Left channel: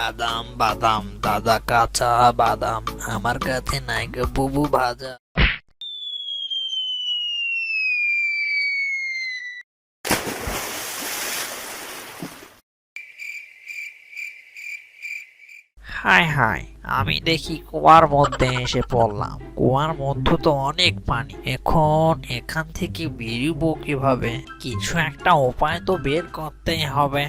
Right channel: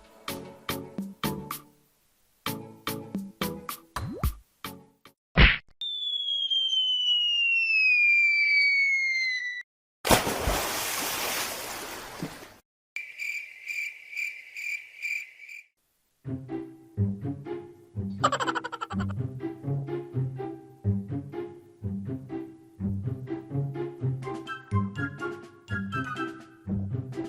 বাদাম বাদাম দাদা কাঁচা বাদাম আমার কাছে নাই গো বুবু ভাজা। হায় হায়, আমি দেখি কুয়ার মধ্যে এসে পড়লাম। কুয়ার মধ্যে তো অনেক পানি, এখন এখান থেকে বেরোবো কিভাবে? কিছু একটা উপায় তো বের করতেই হবে।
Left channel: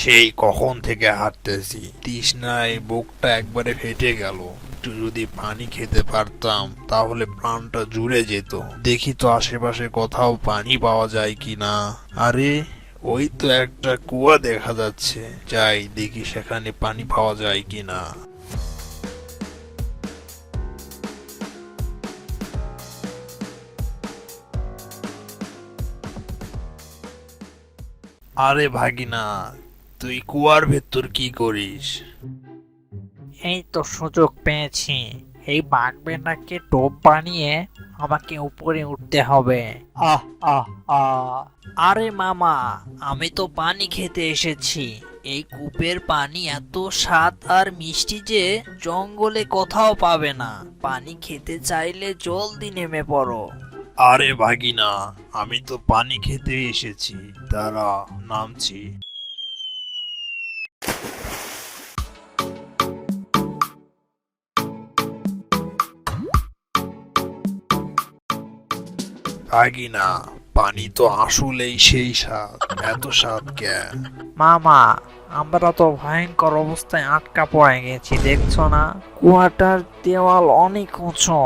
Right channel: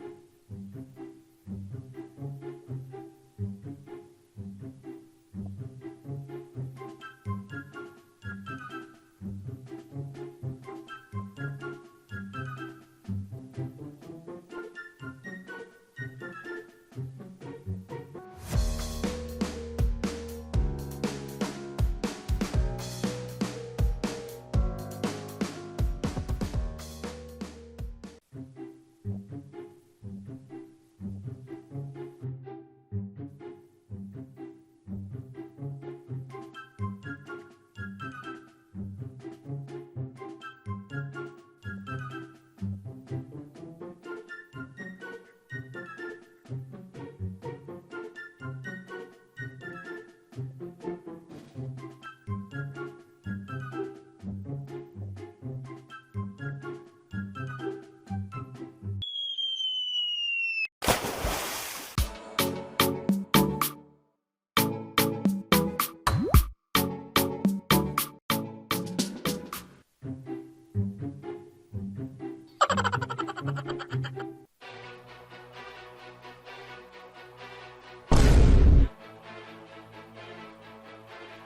সেই কখন থেকে হাঁটতেছি, তৃষ্ণায় বুকটা একবারে ফেটে গেল। একটু যদি পানি খেতে পারতাম তাহলে প্রাণটা জুড়ে যেত। দেখি তো আশেপাশে কোথাও পানি পাওয়া যায় কিনা। আরে, ওই তো একটা কুয়া দেখা যাচ্ছে, যাই দেখি সেখানে পানি পাওয়া যায় কিনা। আরে ভাগিনা, তুই কুয়ার ভেতর কি করিস? এই তো সুযোগ পেয়েছি, এই বাঘবেটাকে টোপ বানিয়ে আমাকে উপরে উঠতে হবে। আহ আহ আহ আরে মামা, আমি তো পানি খেতে এসেছি। এই কূপের পানি এত স্বাদ আর মিষ্টি যে জঙ্গলে কোথাও পাবে না। পানি খেতে চাইলে জলদি নেমে পড়ো। আরে ভাগিনা, আমি তো পানি খেতে এসেছি, দাঁড়া নামছি। ভাগিনা, পানি তো আসলেই সেই স্বাদ, এত স্বাদ কেন? মামা, আমরা তো ভয়ঙ্কর অবস্থায় আটকা পড়ে গেছি, দেখছো না? কুয়াটার দেওয়াল অনেক উঁচু,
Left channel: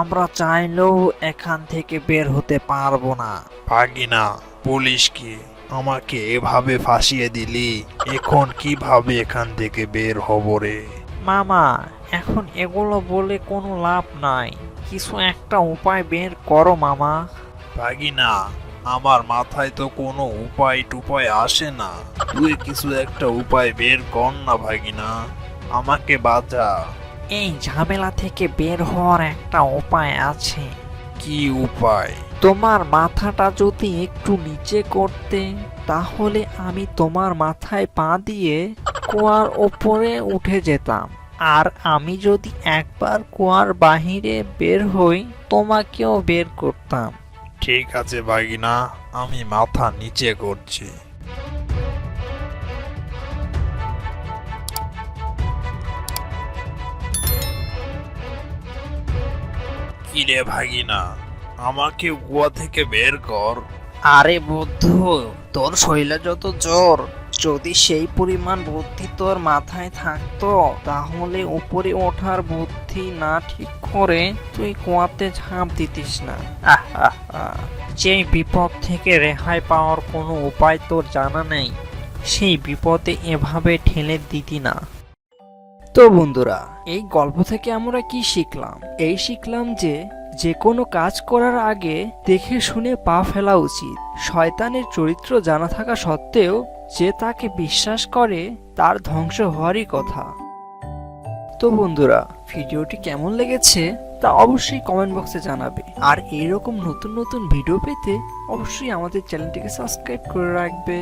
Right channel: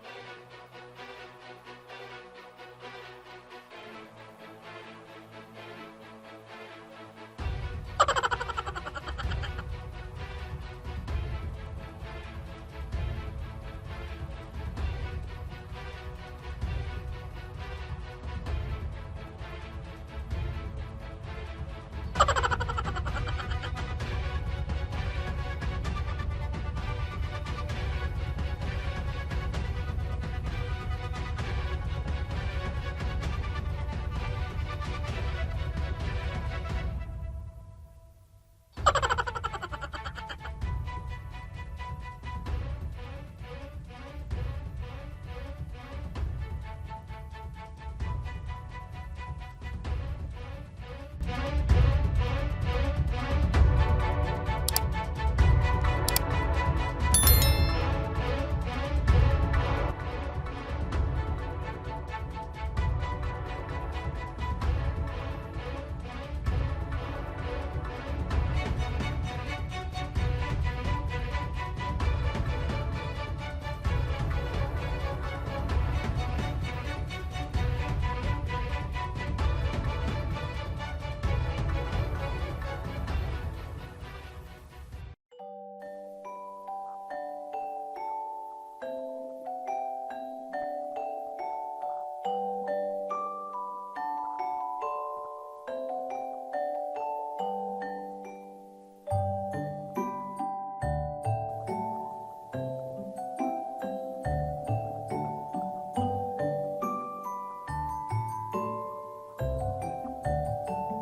আমরা চাইলেও এখান থেকে বের হতে পারবো না। ভাগিনা, পুলিশ কি আমাকে এভাবে ফাঁসিয়ে দিলি? এখন কিভাবে এখান থেকে বের হব রে? মামা, এখন এগুলো বলে কোনো লাভ নাই, কিছু একটা উপায় বের করো মামা। ভাগিনা, আমার মাথায় তো কোনো উপায় টুপায় আসে না। তুই কিছু একটা উপায় বের কর না ভাগিনা, আমাকে বাঁচা। এই ঝামেলা থেকে বের হওয়ার একটা উপায় আছে। কি উপায়? তোমার মাথাটা যদি একটু নিচে করতে, তাহলে আমি তোমার মাথায় পা দিয়ে কুয়ার ওপরে উঠে যেতাম। আর আমি যদি একবার কুয়ার বাহিরে বের হই, তোমাকেও বের করতাম। ঠিক আছে ভাগিনা, আমি মাথা নিচে করছি। কিরে ভাগিনা, আমাকে কুয়া থেকে বের কর। আরে বন্ধু, তোর শরীরে যত জোর, যদি সেই পরিমাণ বুদ্ধি তোর মাথায় থাকতো, তাহলে উপরে ওঠার বুদ্ধি না ঠিক করে তুই কুয়াতে ঝাঁপ দিতিস না। আহ আহ আহ। যেই বিপদ থেকে রেহাই পাওয়ার কোনো উপায় তোর জানা নেই, সেই বিপদে এভাবে ঠেলে দিতি না। তো বন্ধুরা, এই গল্প থেকে আমরা কি শিখলাম? এই শিখলাম যে যে কোনো কাজ করার আগে দেখে শুনে পা ফেলা উচিত। শয়তানের চরিত্র জানা থাকা সত্ত্বেও যে তাকে বিশ্বাস করে তার ধ্বংস হওয়ারই কথা। তো বন্ধুরা, ভিডিওটি কেমন লেগেছে তা অবশ্যই কমেন্ট বক্সে জানাবে। আর এরকম নতুন নতুন ভিডিও পেতে অবশ্যই আমাদের চ্যানেলটিকে সাবস্ক্রাইব করে রাখবে।